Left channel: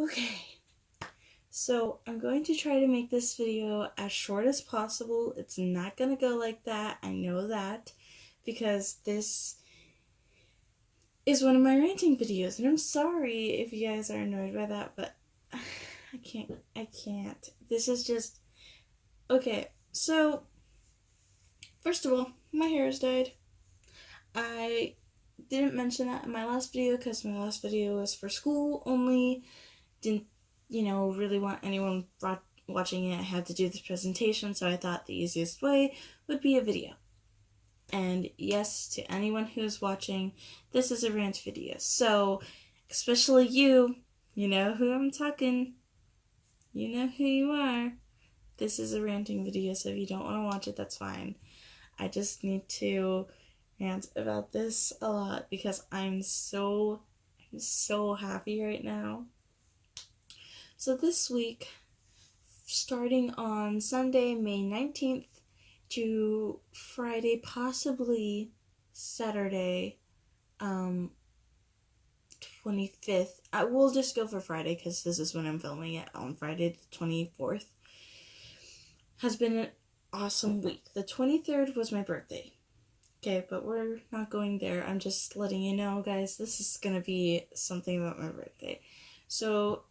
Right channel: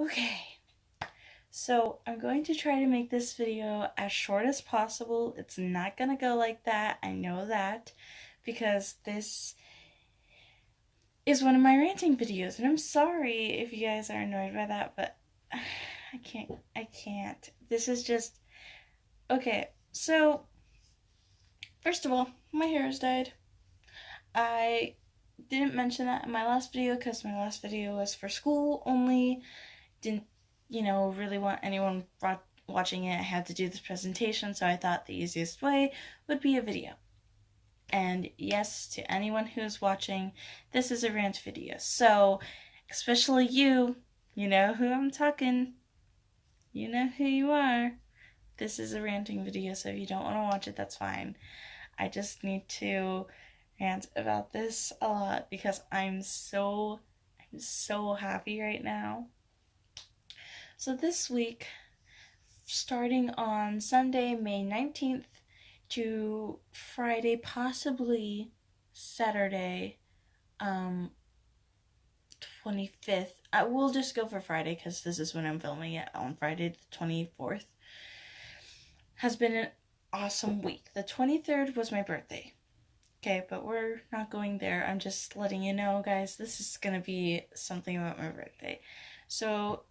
Okay, so I'm going to try to make this video as short as possible. It's not gonna go like that, I know that, because this is one of my ranting videos, and I'm sorry if you guys are annoyed by that, but I can't. This is just, okay, so, first of all, my hair is dyed. I didn't mention that in my last video, because my last video was for school only. Didn't really want anyone watching it. I had to do this presentation, so I thought the easiest way would be a video. And yes, to anyone who is watching, this is a rant video. So, especially you know who I'm talking. You know who you are. This is a ranting video, so if you don't want to watch it, that's fine. I just need to rant about this a lot because I'm so happy right now. So this week, starting on Sunday, May 19th to Friday, possibly Saturday, 25th. I will just go for Friday because this is when I'm filming it, on Friday the 24th. Has been an awesome week. The 23rd was my birthday. Okay, but we're not going there. I'm just letting you know, guys, this is gonna be something about my birthday. So,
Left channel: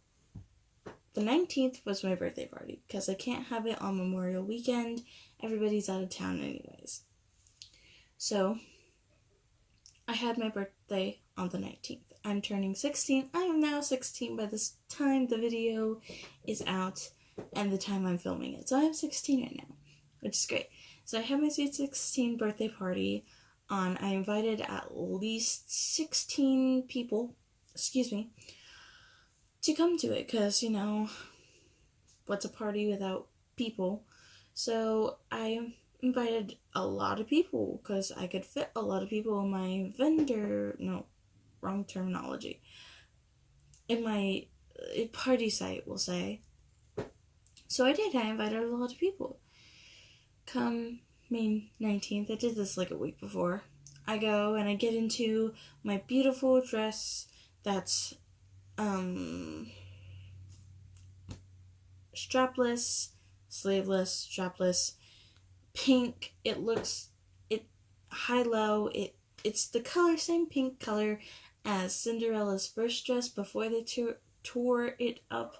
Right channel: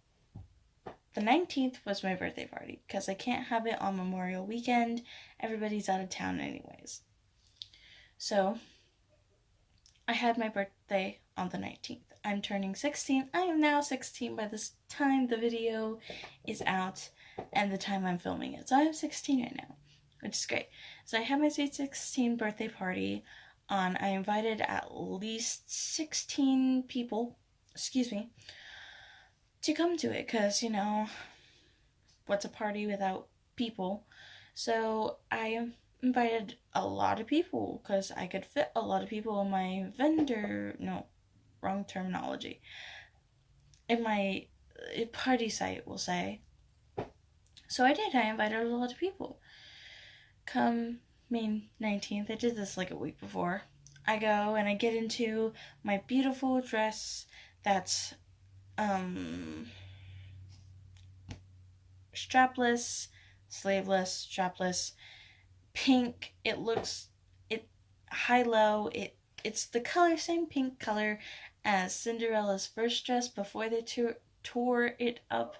the 19th was my birthday party, because I can't have it on Memorial Weekend. Everybody's out of town anyways. So, I had my birthday on the 19th. I'm turning 16. I am now 16 by this time the video is out and the time I'm filming it. So I'm 16 right now, which is great. So I had my sweet 16 birthday party on. I invited at least 16 people, to come to it, because, what's a party without people? So I invited a lot of people, because I could fit a lot of people in my wrong terminology, in my party site, we'll say. So I did. I invited a lot of people. Come May 19th, I did this like a week before. I go and I get into my beautiful dress that's strapless, sleeveless, strapless, pink. It high-low. It's the same pink color as Cinderella's first dress before they tore it up.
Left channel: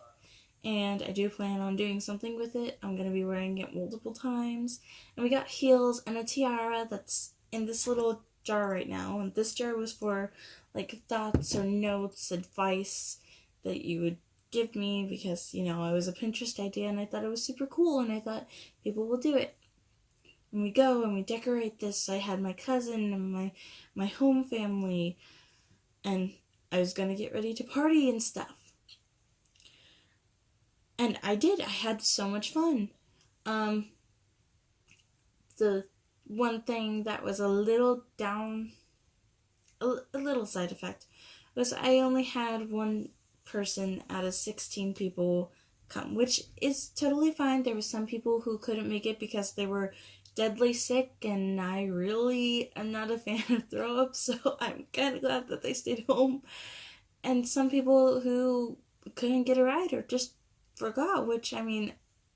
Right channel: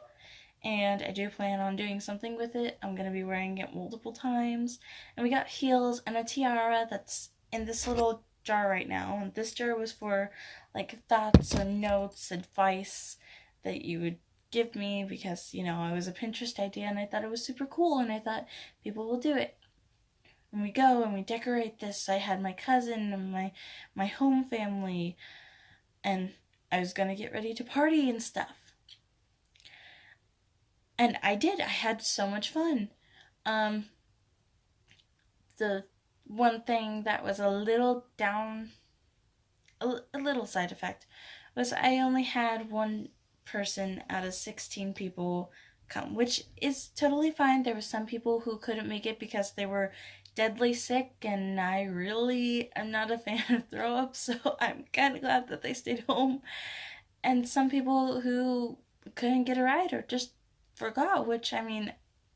And I do plan on doing something with it. I'm going to be wearing it multiple times. And we got heels and a tiara that's in this little jar right now. And this jar was for like thoughts or notes, advice that you would give me, because, it was a Pinterest idea and I thought it was super cool and I thought people will do it. And we go and we decorate this. I had my cousin and my home family, and I was going to get ready to party and stuff. And I did. I had so much fun. The one thing that was a little side effect, was I only had one person out of 16 people come, which is totally fine. There were some people who couldn't make it because they were deadly sick, and I really am not a fan of throw up, so I'm kind of glad that they stayed home. And some people who couldn't get a ride or just forgot, which, I mean,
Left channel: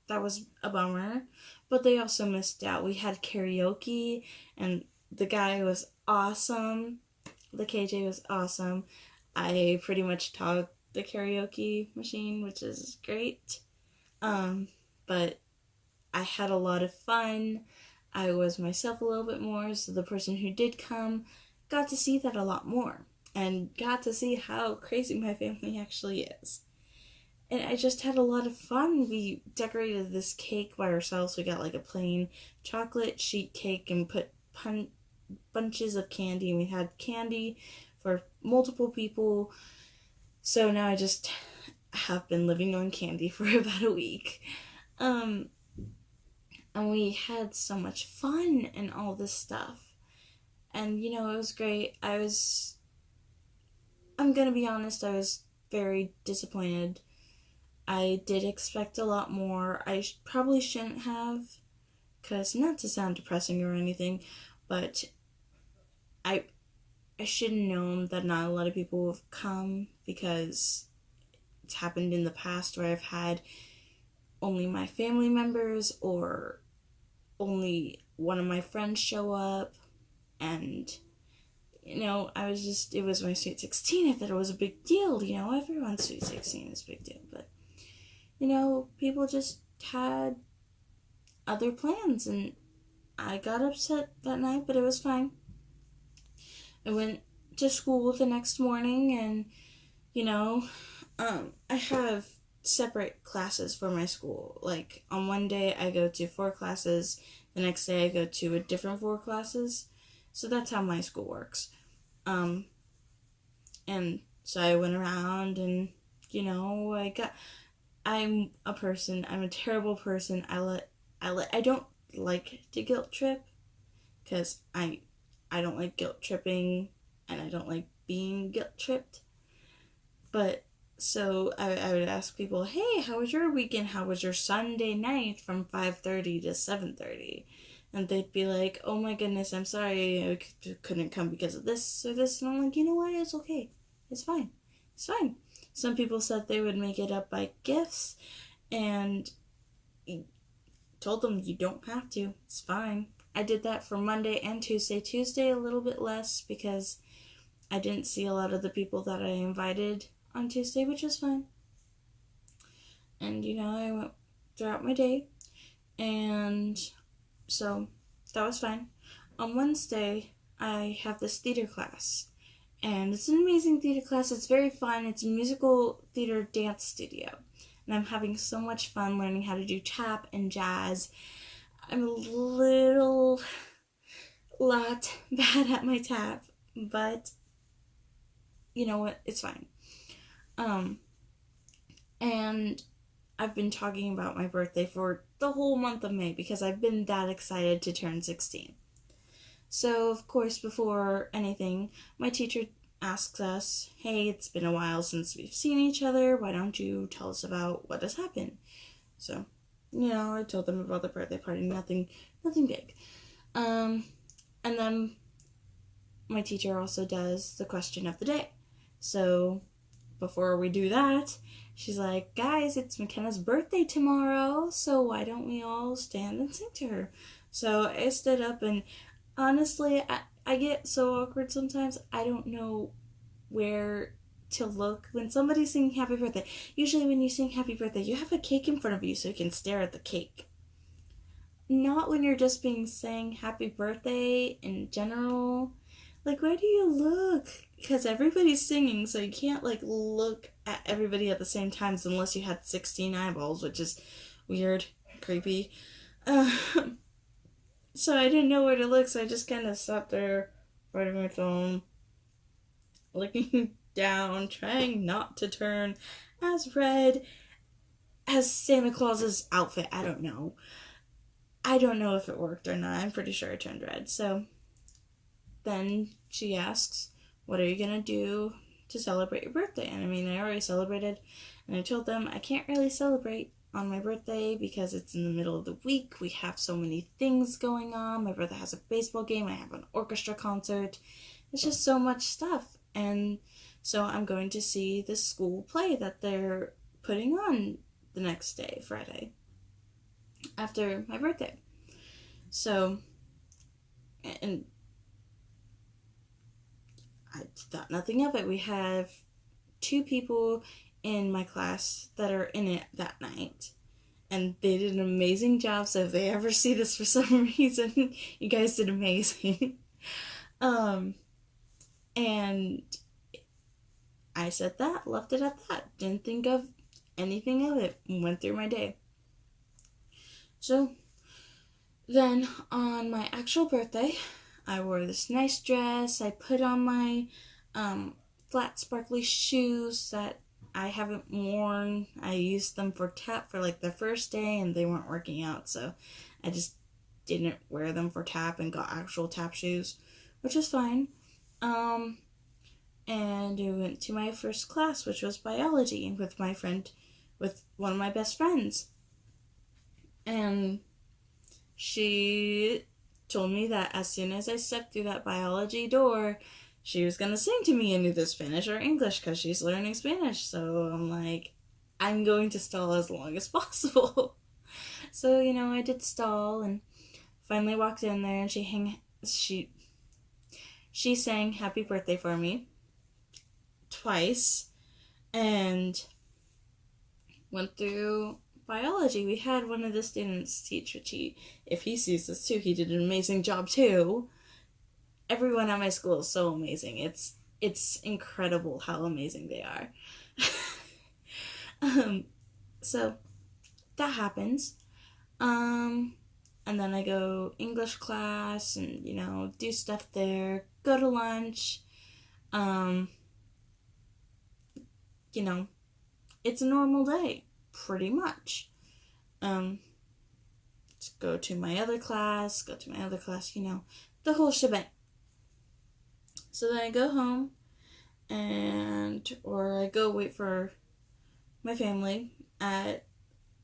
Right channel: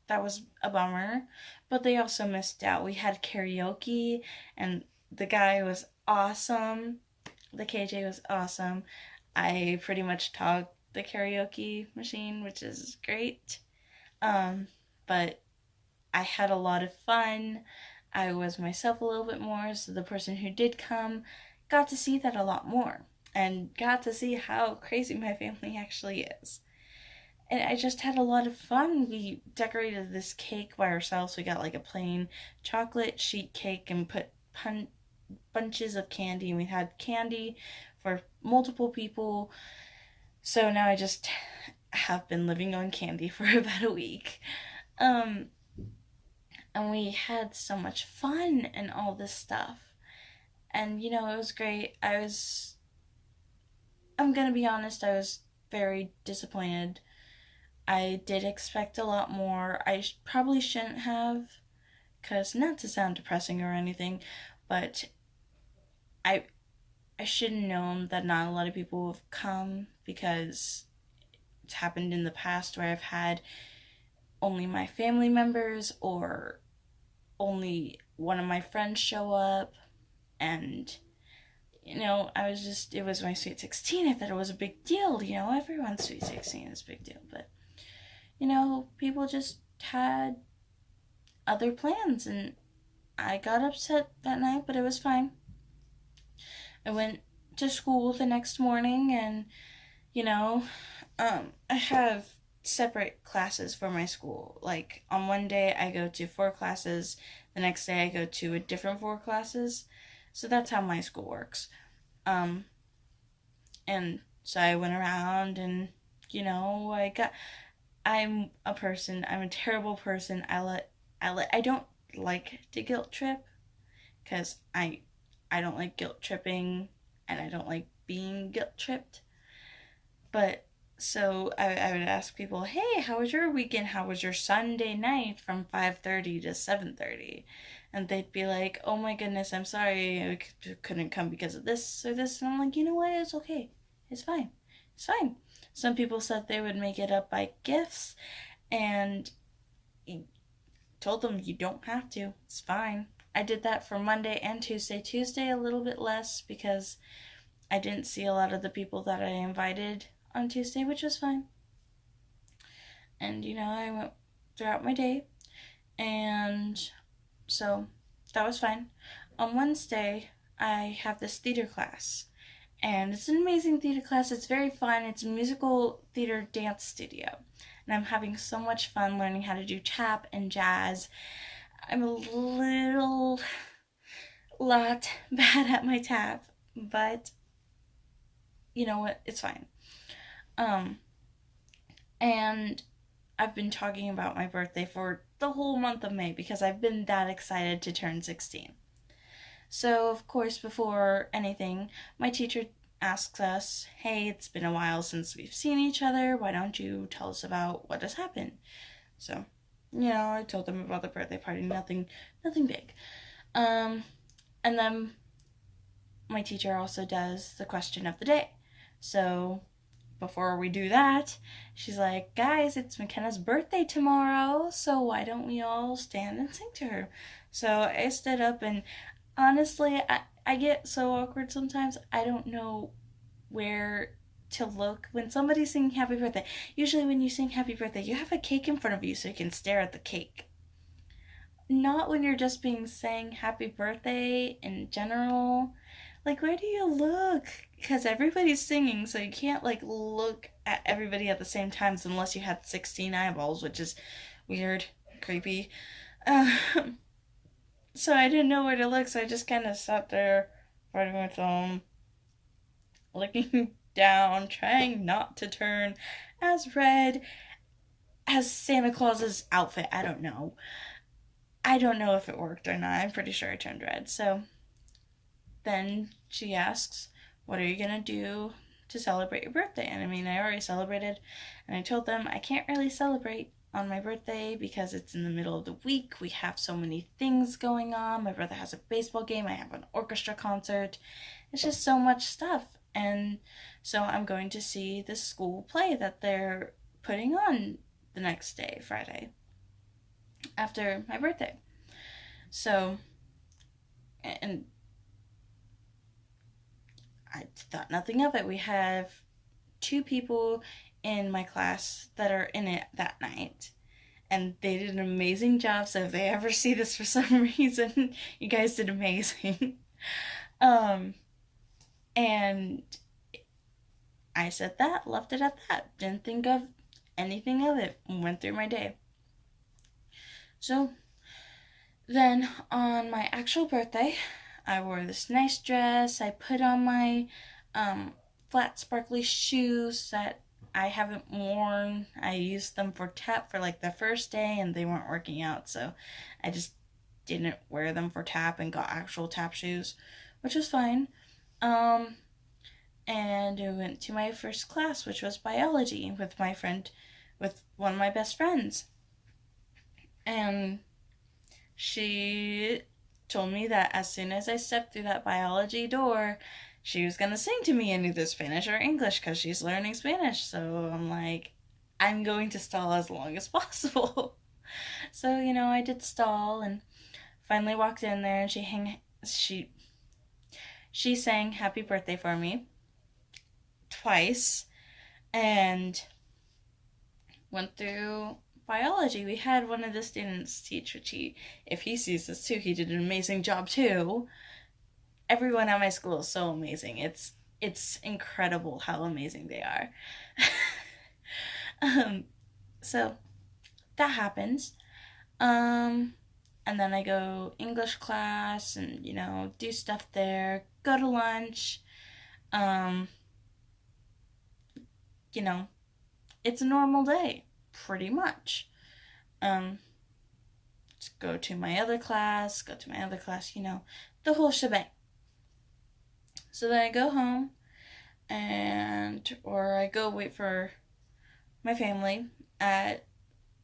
that was a bummer, but they also missed out. We had karaoke, and the guy was awesome. The KJ was awesome. I pretty much talked the karaoke machine, which is great. But I had a lot of fun. I was myself a little bit more, so the person who did come got to see that a lot more, and got to see how crazy my family actually is. And I just had a lot of fun. We decorated this cake by ourselves. We got like a plain chocolate sheet cake and put bunches of candy, and we had candy for multiple people. So now I just have been living on candy for about a week. And we had so much fun and all this stuff. And, it was great. I'm gonna be honest, I was very disappointed. I did expect a lot more. I probably shouldn't have, because not to sound depressing or anything, but I should have known that not a lot of people have come, because it's happened in the past where I've had only my family members or only one of my friends show up, and it was my sweet 16. I thought it was a big deal. Everyone's sweet 16 is a big deal, but people just had other plans, and I got upset that night, but it was fine. I went to school the next morning, and I have separate classes for my school. Like, on one day I go to 4 classes, the next day I go to a different 4 classes. So that's how my school works. And so I went around, and I'm a terrible person. I don't like to guilt trip, because I don't like guilt tripping, and I don't like being guilt tripped. But so I would ask people, hey, how was your weekend? How was your Sunday night from 5:30 to 7:30? And they'd be like, oh my goodness, I'm sorry, I couldn't come because of this or this. And I'm like, you know what? It's okay. It's fine. It's fine. Some people said they would make it up by gifts, and told them you don't have to. It's fine. I did that for Monday and Tuesday. Tuesday a little bit less because I didn't see a lot of the people that I invited on Tuesday, which was fine. And I went throughout my day, and so that was fine. On Wednesday, I have this theater class, and it's an amazing theater class. It's very fun. It's a musical theater dance studio, and I'm having so much fun learning how to do tap and jazz. I'm a little lot bad at my tap, but you know what? It's fine. And I've been talking about my birthday for the whole month of May because I've been that excited to turn 16. So, of course, before anything, my teacher asks us, hey, it's been a while since we've seen each other. Why don't you tell us about what has happened? So, I told them about the birthday party. Nothing big. And then my teacher also does the question of the day. So before we do that, she's like, guys, it's McKenna's birthday tomorrow, so why don't we all stand and sing to her? So I stood up, and honestly, I get so awkward sometimes. I don't know where to look when somebody's singing happy birthday. Usually when you sing happy birthday, you have a cake in front of you so you can stare at the cake. Not when you're just being sang happy birthday in general. Like, where do you look? Because everybody's singing, so you can't, look at everybody at the same time unless you had 16 eyeballs, which is weird, creepy. So I didn't know where to look, so I just kind of sat there, biting my thumb, looking down, trying not to turn as red as Santa Claus's outfit. I don't know. I don't know if it worked or not. I'm pretty sure I turned red, so then she asks, what are you going to do to celebrate your birthday? And I already celebrated, and I told them I can't really celebrate on my birthday because it's in the middle of the week. We have so many things going on. My brother has a baseball game. I have an orchestra concert. It's just so much stuff. And so I'm going to see the school play that they're putting on the next day, Friday, after my birthday. So, and I thought nothing of it. We have 2 people in my class that are in it that night, and they did an amazing job. So if they ever see this for some reason, you guys did amazing. And I said that, left it at that, didn't think of anything of it, went through my day. So then on my actual birthday, I wore this nice dress. I put on my flat sparkly shoes that I haven't worn. I used them for tap for the first day, and they weren't working out, so I just didn't wear them for tap and got actual tap shoes, which was fine. And I went to my first class, which was biology, with one of my best friends. And she told me that as soon as I stepped through that biology door, she was gonna sing to me in either Spanish or English because she's learning Spanish. So I'm like, I'm going to stall as long as possible. So, I did stall and finally walked in there, and she sang happy birthday for me twice and went through biology. We had one of the students teach, which if he sees this too, he did an amazing job too. Everyone at my school is so amazing. It's incredible how amazing they are. So that happens. And then I go English class and, do stuff there, go to lunch. It's a normal day, pretty much. Go to my other class, the whole shebang. So then I go home or I go wait for my family at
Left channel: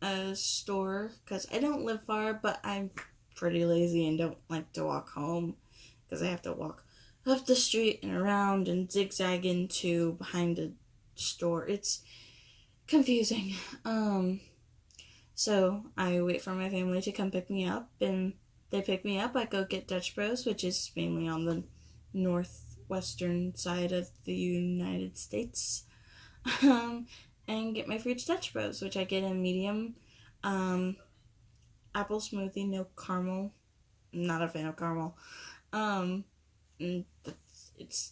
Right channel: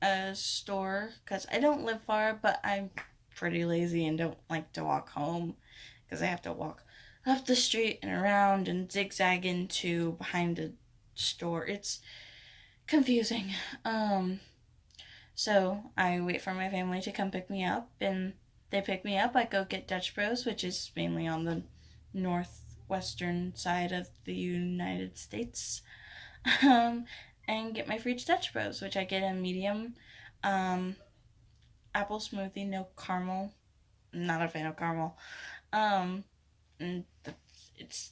a store because I don't live far, but I'm pretty lazy and don't like to walk home because I have to walk up the street and around and zigzag into behind a store. It's confusing. So I wait for my family to come pick me up, and they pick me up. I go get Dutch Bros, which is mainly on the northwestern side of the United States, and get my free Dutch Bros, which I get a medium apple smoothie, no caramel. I'm not a fan of caramel. And it's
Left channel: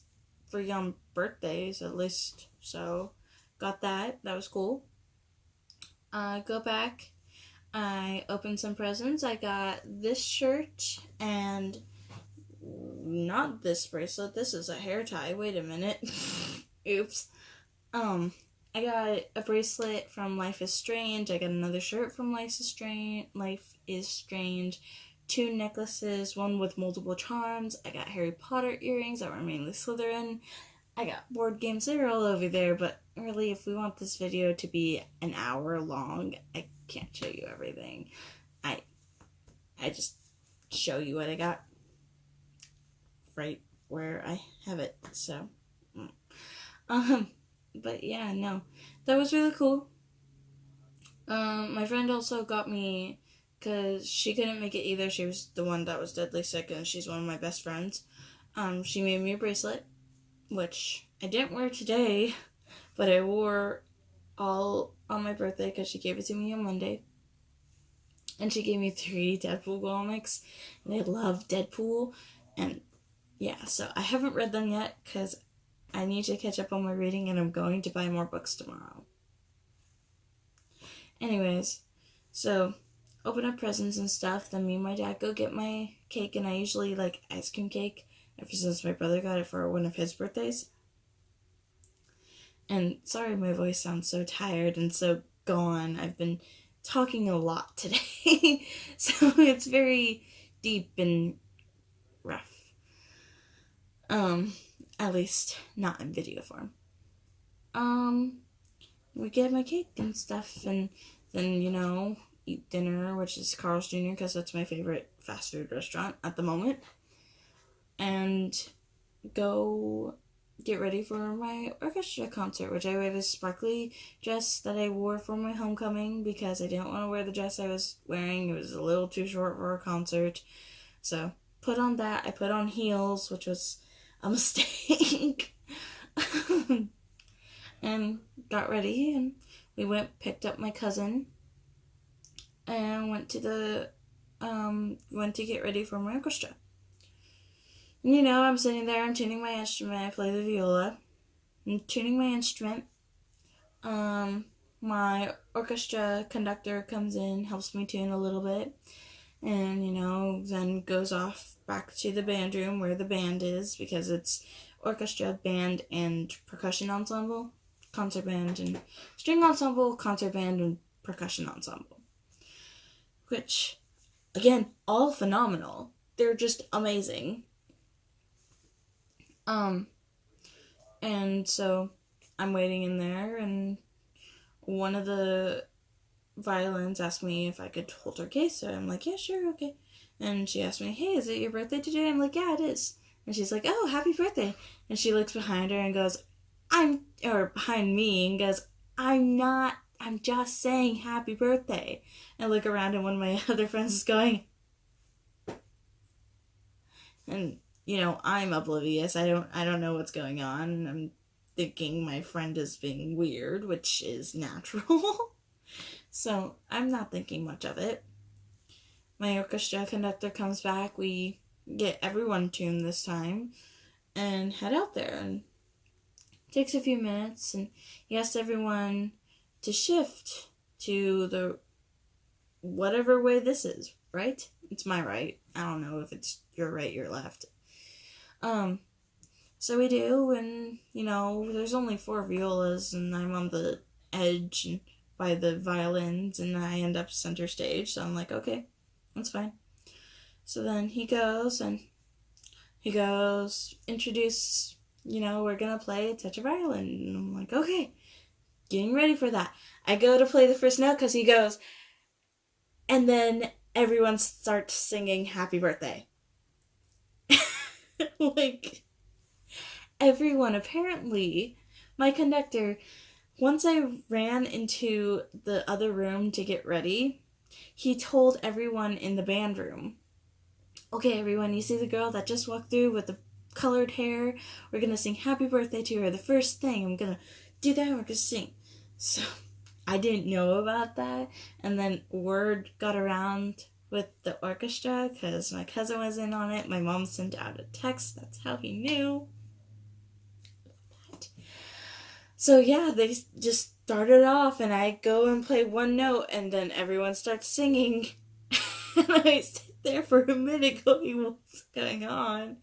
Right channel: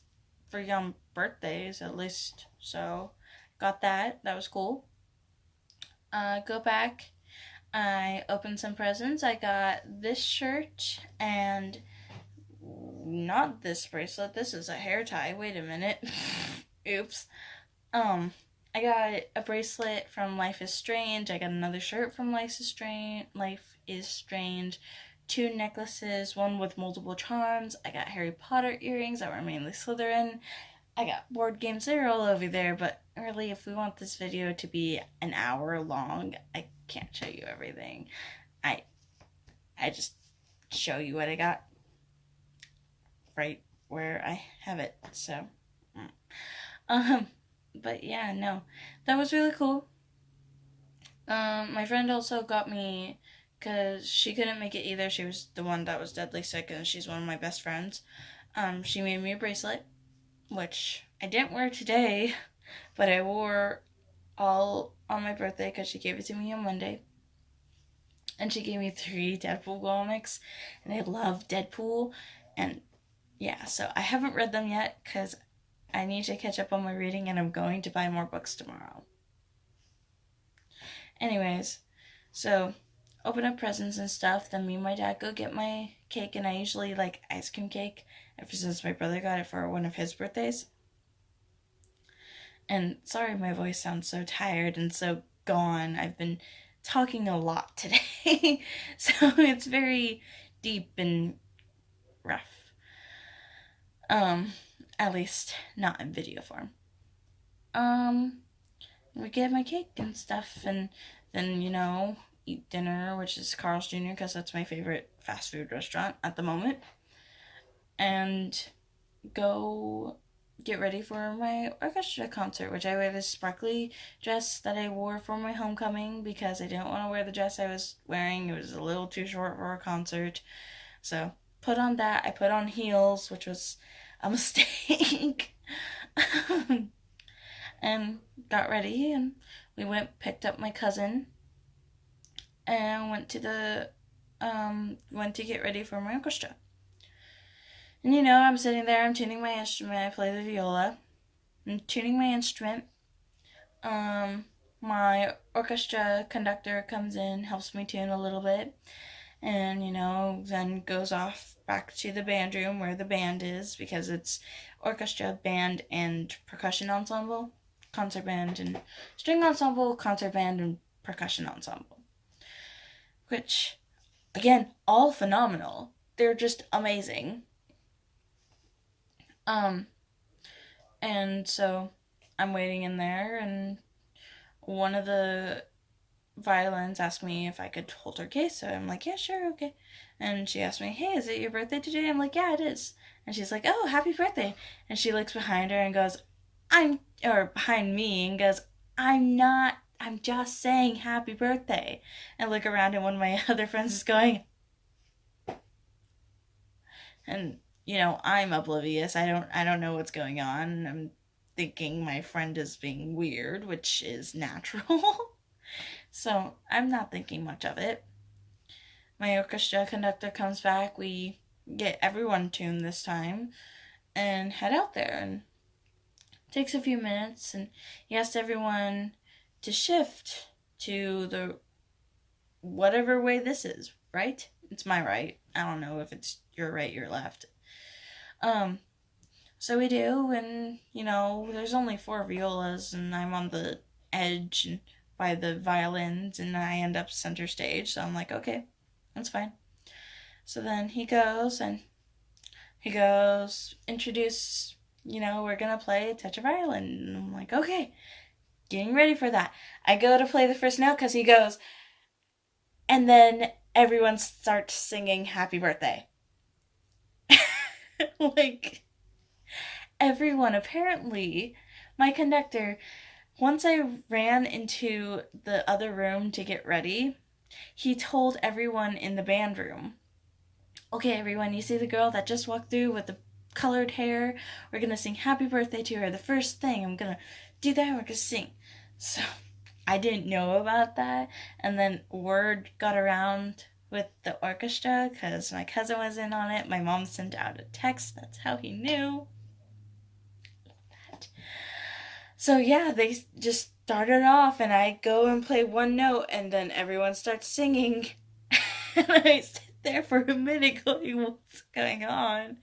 free on birthdays at least, so got that. That was cool. Go back. I opened some presents. I got this shirt and not this bracelet. This is a hair tie. Wait a minute. Oops. I got a bracelet from Life is Strange. I got another shirt from Life is Strange. 2 necklaces, one with multiple charms. I got Harry Potter earrings that were mainly Slytherin. I got board games. They're all over there, but really, if we want this video to be an hour long, I can't show you everything. I just show you what I got right where I have it. So, but yeah, no, that was really cool. My friend also got me, because she couldn't make it either. She was the one that was deadly sick, and she's one of my best friends. She made me a bracelet, which I didn't wear today, but I wore all on my birthday because she gave it to me on Monday. And she gave me 3 Deadpool comics, and I love Deadpool. And yeah, so I haven't read them yet because I need to catch up on my reading, and I'm going to buy more books tomorrow. Anyways, so open up presents and stuff. Then me and my dad go get my cake, and I usually like ice cream cake ever since my brother got it for one of his birthdays. And sorry, my voice sounds so tired and so gone. I've been talking a lot today, so it's very deep and rough. At least not in video form. We get my cake and stuff, and then, eat dinner, which is Carl's Jr., because that's my favorite fast food restaurant at the moment. And go get ready for my orchestra concert, which I wear this sparkly dress that I wore for my homecoming because I didn't want to wear the dress I was wearing. It was a little too short for a concert. So put on that. I put on heels, which was a mistake. And got ready, and we picked up my cousin and went to get ready for my orchestra. And I'm sitting there, I'm tuning my instrument. I play the viola. I'm tuning my instrument. My orchestra conductor comes in, helps me tune a little bit, and, then goes off back to the band room where the band is, because it's orchestra, band, and percussion ensemble. Concert band and string ensemble, concert band, and percussion ensemble. Which, again, all phenomenal. They're just amazing. And so I'm waiting in there, and one of the violins asked me if I could hold her case, so I'm like, yeah, sure, okay. And she asked me, hey, is it your birthday today? I'm like, yeah, it is. And she's like, oh, happy birthday. And she looks behind her and goes, or behind me and goes, I'm just saying happy birthday. And I look around and one of my other friends is going, and I'm oblivious. I don't know what's going on. I'm thinking my friend is being weird, which is natural. So I'm not thinking much of it. My orchestra conductor comes back. We get everyone tuned this time and head out there. And it takes a few minutes, and he asked everyone to shift to the whatever way this is, right? It's my right. I don't know if it's your right, your left. So we do, and there's only 4 violas, and I'm on the edge and by the violins, and I end up center stage. So I'm like, okay, that's fine. So then he goes, introduce, we're gonna play Touch a Violin. And I'm like, okay, getting ready for that. I go to play the first note because he goes, and then everyone starts singing Happy Birthday. Like, everyone, apparently, my conductor, once I ran into the other room to get ready, he told everyone in the band room, okay, everyone, you see the girl that just walked through with the colored hair? We're going to sing Happy Birthday to her. The first thing, I'm going to do that, we're going to sing. So I didn't know about that. And then word got around with the orchestra because my cousin was in on it. My mom sent out a text. That's how he knew. So yeah, they just started off, and I go and play one note, and then everyone starts singing. And I sit there for a minute going, what's going on?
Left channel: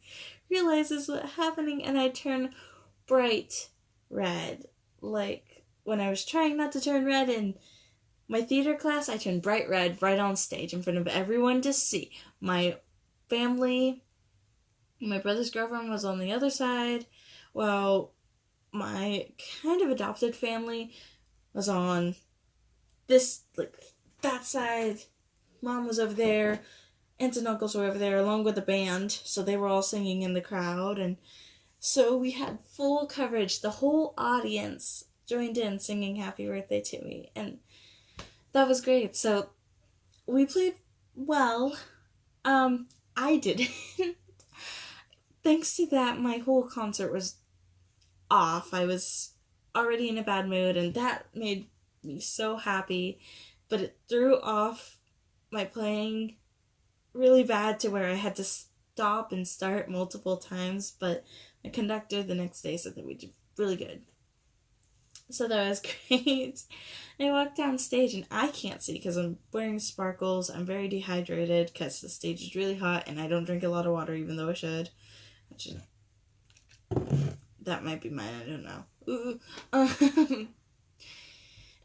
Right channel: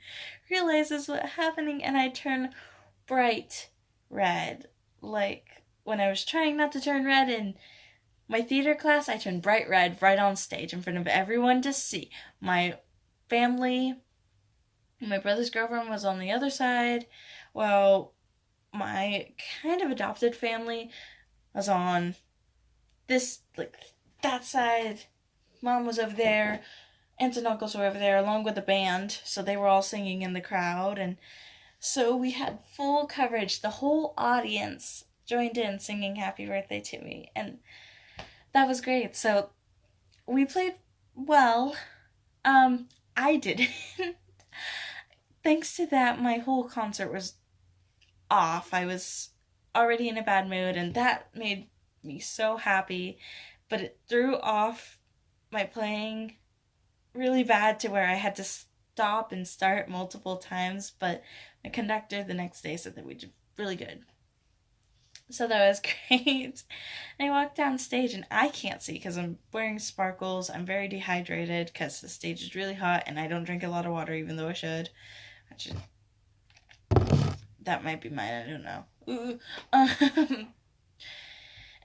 Realizes what's happening, and I turn bright red. Like, when I was trying not to turn red in my theater class, I turned bright red right on stage in front of everyone to see. My family, my brother's girlfriend was on the other side. Well, my kind of adopted family was on this, like, that side. Mom was over there. Aunts and uncles were over there along with the band. So they were all singing in the crowd. And so we had full coverage. The whole audience joined in singing Happy Birthday to me. And that was great. So we played well. I didn't. Thanks to that, my whole concert was off. I was already in a bad mood, and that made me so happy. But it threw off my playing really bad to where I had to stop and start multiple times. But my conductor the next day said that we did really good. So that was great. And I walked down stage, and I can't see because I'm wearing sparkles. I'm very dehydrated because the stage is really hot, and I don't drink a lot of water even though I should. That might be mine, I don't know. Ooh.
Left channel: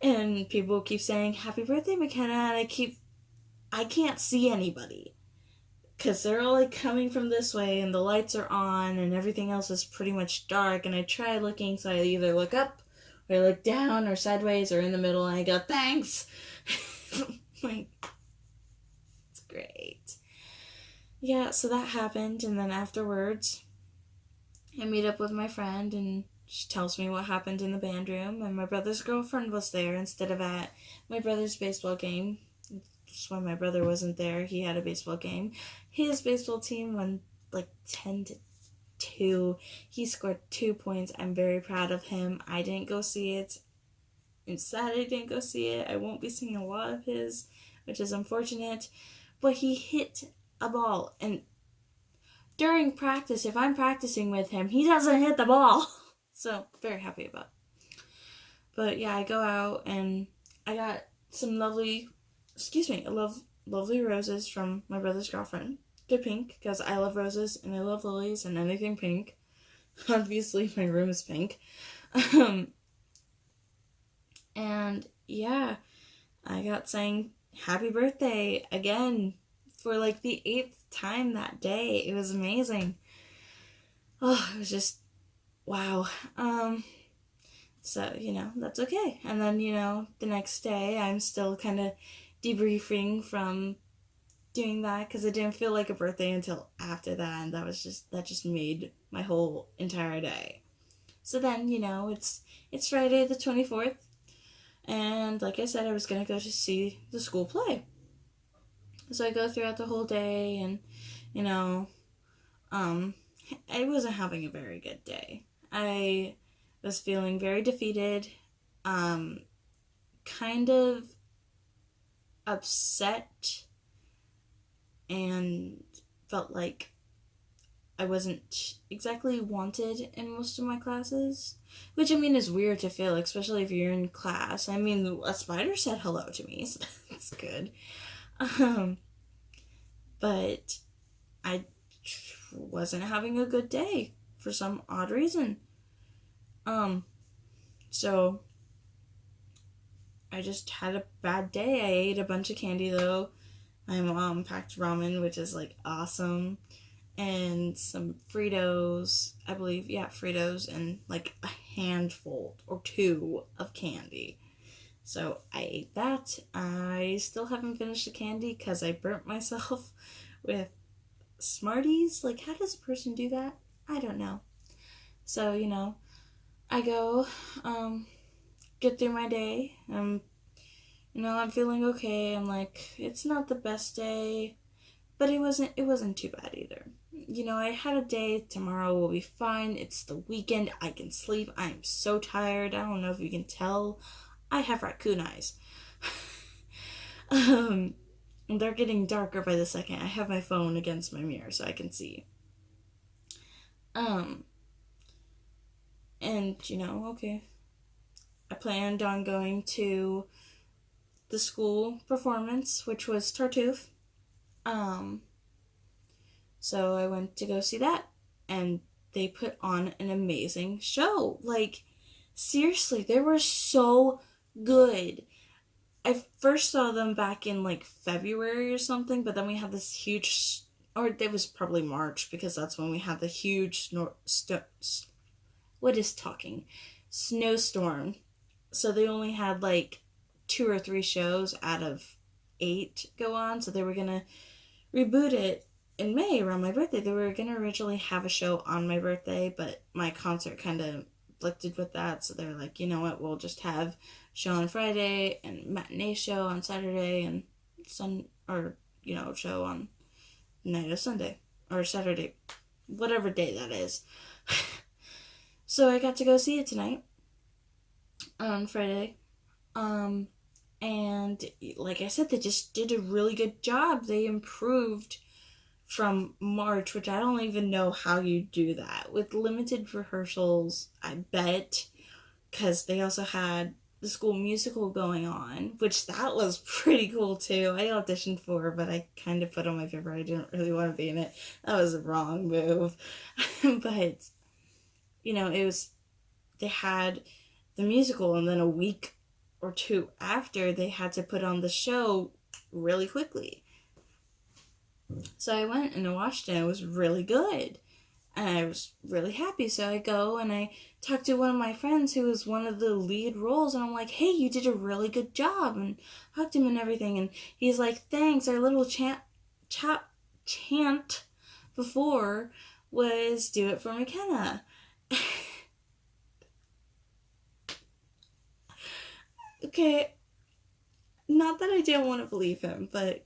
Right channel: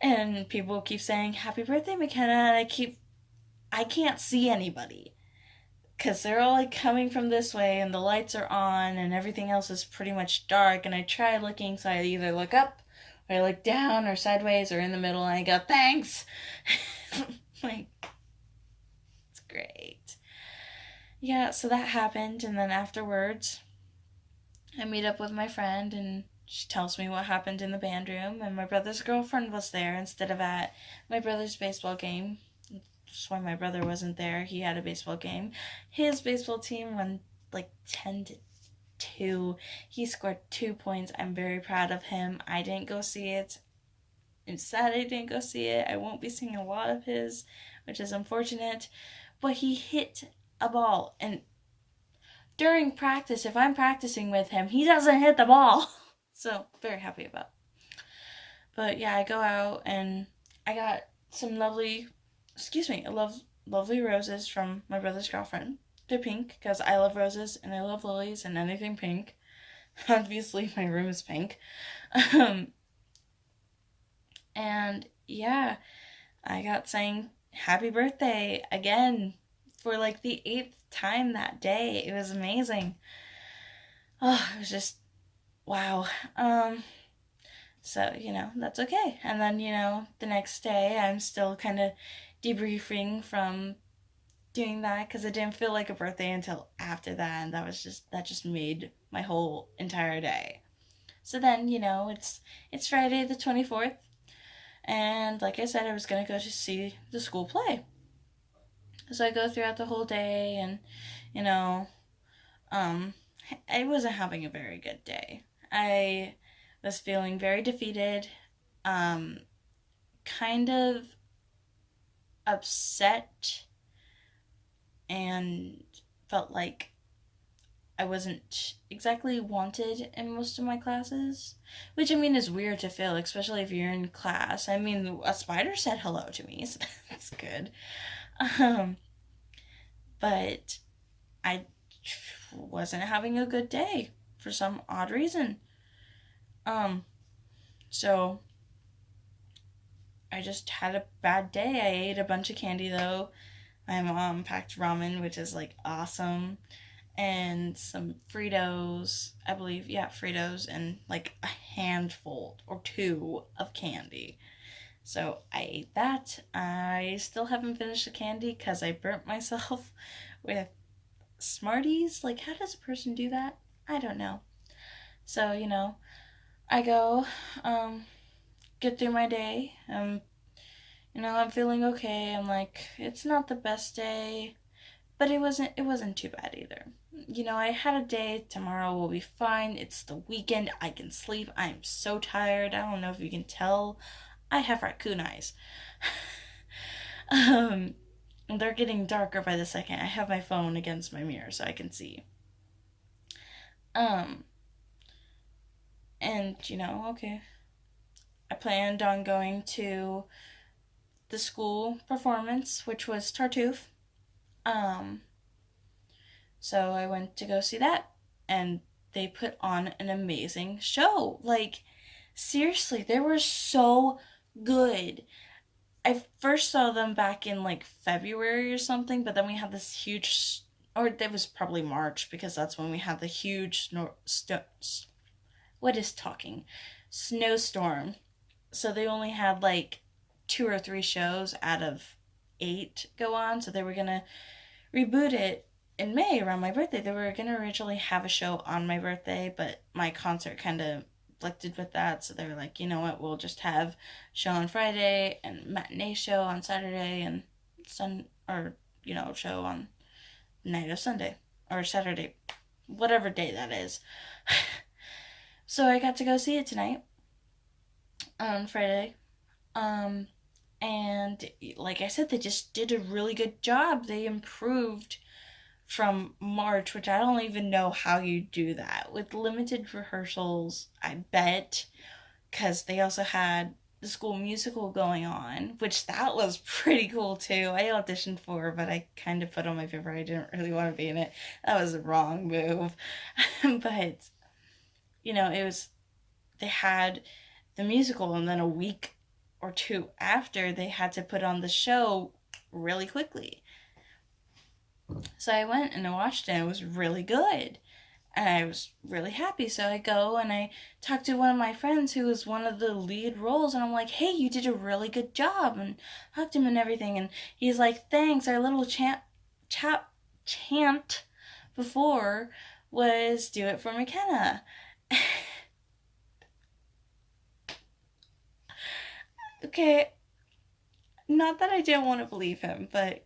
And people keep saying, happy birthday, McKenna, and I can't see anybody. Because they're all, like, coming from this way, and the lights are on, and everything else is pretty much dark, and I try looking, so I either look up, or I look down, or sideways, or in the middle, and I go, thanks! Like, it's great. Yeah, so that happened, and then afterwards, I meet up with my friend, and she tells me what happened in the band room, and my brother's girlfriend was there instead of at my brother's baseball game. That's why my brother wasn't there. He had a baseball game. His baseball team won like 10-2. He scored 2 points. I'm very proud of him. I didn't go see it. I'm sad I didn't go see it. I won't be seeing a lot of his, which is unfortunate. But he hit a ball, and during practice, if I'm practicing with him, he doesn't hit the ball. So, very happy about it. But yeah, I go out, and I got some lovely roses from my brother's girlfriend. They're pink, because I love roses, and I love lilies, and anything pink. Obviously, my room is pink. And yeah, I got saying happy birthday again for like the 8th time that day. It was amazing. Oh, it was just wow. So, that's okay. And then, the next day I'm still kind of debriefing from doing that because it didn't feel like a birthday until after that, and that just made my whole entire day. So then, it's Friday the 24th, and like I said, I was gonna go to see the school play. So I go throughout the whole day, and you know, um, I wasn't having a very good day. I was feeling very defeated, um, kind of upset, and felt like I wasn't exactly wanted in most of my classes. Which, I mean, is weird to feel, especially if you're in class. I mean, a spider said hello to me, so that's good. Um, but I wasn't having a good day for some odd reason. So I just had a bad day. I ate a bunch of candy though. My mom packed ramen, which is like awesome, and some Fritos, I believe, yeah, Fritos, and like a handful or two of candy. So I ate that. I still haven't finished the candy because I burnt myself with Smarties. Like, how does a person do that? I don't know. So, I go, get through my day. I'm feeling okay. I'm like, it's not the best day, but it wasn't too bad either. I had a day. Tomorrow will be fine. It's the weekend. I can sleep. I'm so tired. I don't know if you can tell. I have raccoon eyes. They're getting darker by the second. I have my phone against my mirror so I can see. And okay. I planned on going to the school performance, which was Tartuffe. So I went to go see that, and they put on an amazing show. Like, seriously, they were so good. I first saw them back in like February or something, but then we had this huge, or it was probably March because that's when we had the huge snowstorm. So they only had like 2 or 3 shows out of 8 go on. So they were gonna reboot it in May around my birthday. They were gonna originally have a show on my birthday, but my concert kind of conflicted with that, so they were like, you know what, we'll just have show on Friday and matinee show on Saturday and show on night of Sunday or Saturday, whatever day that is. So I got to go see it tonight on Friday. And like I said, they just did a really good job. They improved from March, which I don't even know how you do that with limited rehearsals, I bet, because they also had the school musical going on, which that was pretty cool too. I auditioned for, but I kind of put on my paper I didn't really want to be in it. That was a wrong move. But they had the musical, and then a week or 2 after, they had to put on the show really quickly. So I went and I watched it, and it was really good. And I was really happy. So I go and I talked to one of my friends who was one of the lead roles, and I'm like, hey, you did a really good job, and hugged him and everything. And he's like, thanks. Our little chant before was do it for McKenna. Okay, not that I didn't want to believe him, but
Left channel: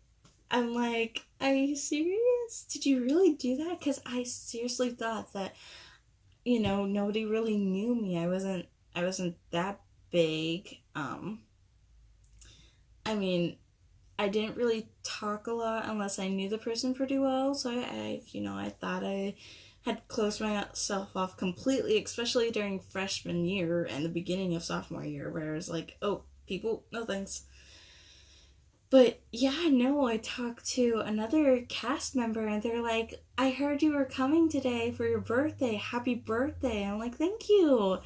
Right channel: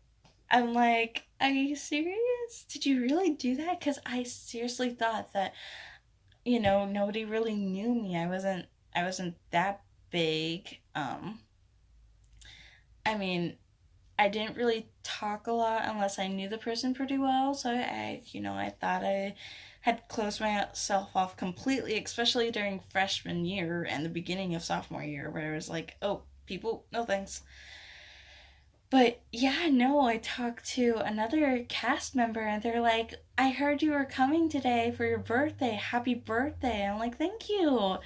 I'm like, are you serious? Did you really do that? Because I seriously thought that, nobody really knew me. I wasn't that big. I mean, I didn't really talk a lot unless I knew the person pretty well. So I thought I had closed myself off completely, especially during freshman year and the beginning of sophomore year, where I was like, oh, people, no thanks. But yeah, no, I talked to another cast member, and they're like, I heard you were coming today for your birthday. Happy birthday. I'm like, thank you.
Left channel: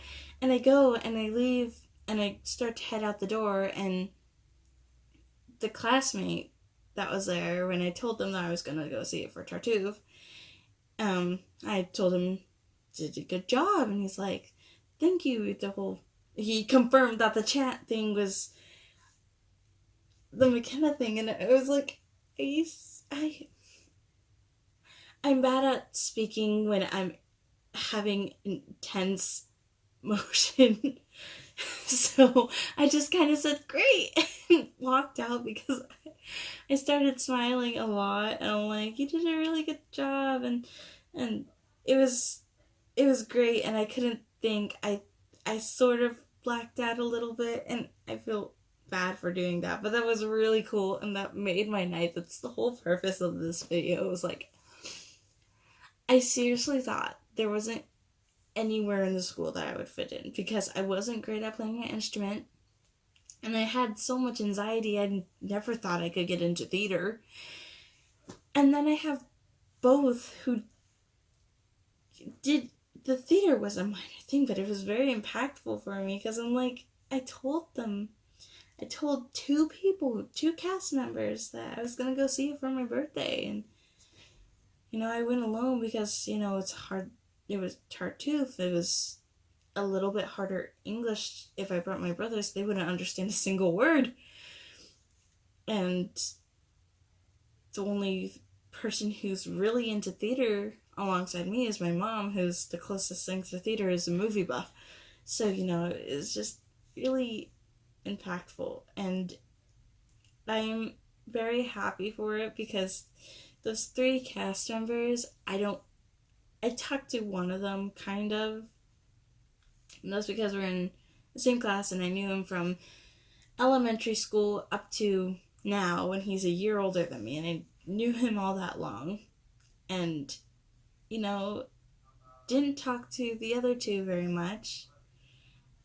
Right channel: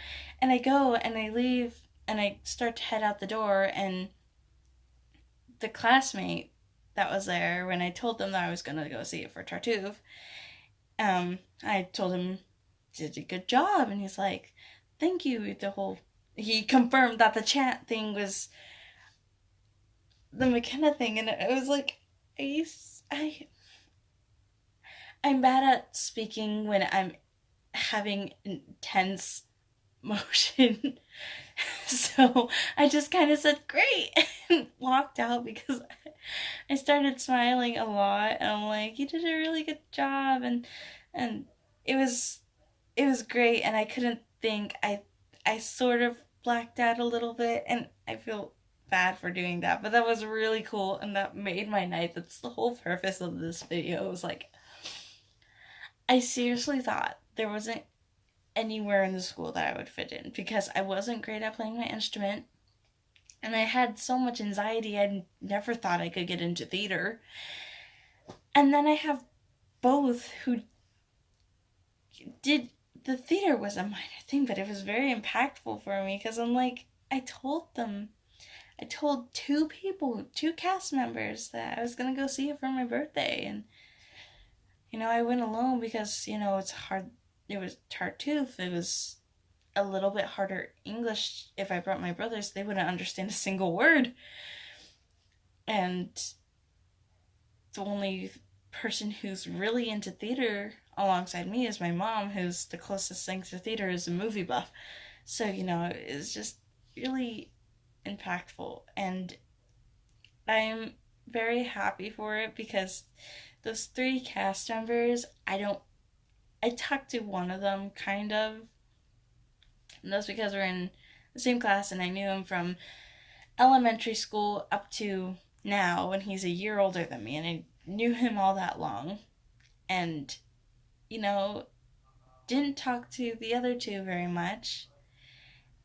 And I go and I leave and I start to head out the door, and the classmate that was there, when I told them that I was going to go see it for Tartuffe, I told him, did a good job. And he's like, thank you. He confirmed that the chant thing was the McKenna thing, and I was like, are you I'm bad at speaking when I'm having intense motion. So I just kind of said great and walked out because I started smiling a lot, and I'm like, you did a really good job, and it was it was great, and I couldn't think. I sort of blacked out a little bit, and I feel bad for doing that, but that was really cool, and that made my night. That's the whole purpose of this video. It was like, I seriously thought there wasn't anywhere in the school that I would fit in because I wasn't great at playing my instrument, and I had so much anxiety. I never thought I could get into theater. And then I have both who did the theater was a minor thing, but it was very impactful for me because I'm like, I told two people, two cast members, that I was gonna go see it for my birthday, and I went alone because it's hard. It was Tartuffe. It was a little bit harder English. If I brought my brothers, they wouldn't understand a single word, and the only person who's really into theater alongside me is my mom, who's the closest thing to theater is a movie buff. So it's just really impactful, and I'm very happy for it because those three cast members, I talked to one of them kind of, and that's because we're in the same class and I knew him from elementary school up to now, when he's a year older than me, and I knew him all that long, and didn't talk to the other two very much,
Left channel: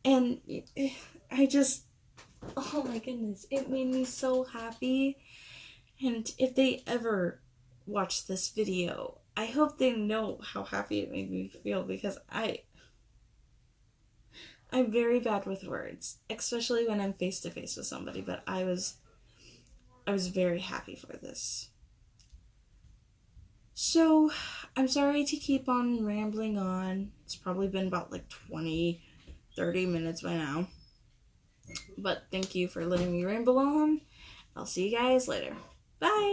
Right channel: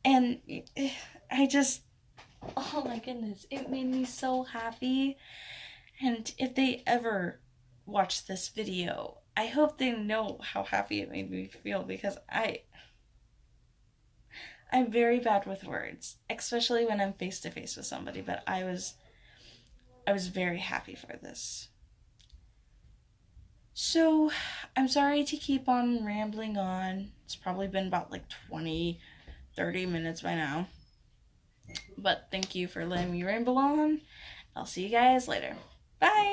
and I just, oh my goodness, it made me so happy. And if they ever watch this video, I hope they know how happy it made me feel, because I'm very bad with words, especially when I'm face to face with somebody, but I was very happy for this. So, I'm sorry to keep on rambling on. It's probably been about like 20-30 minutes by now. But thank you for letting me ramble on. I'll see you guys later. Bye!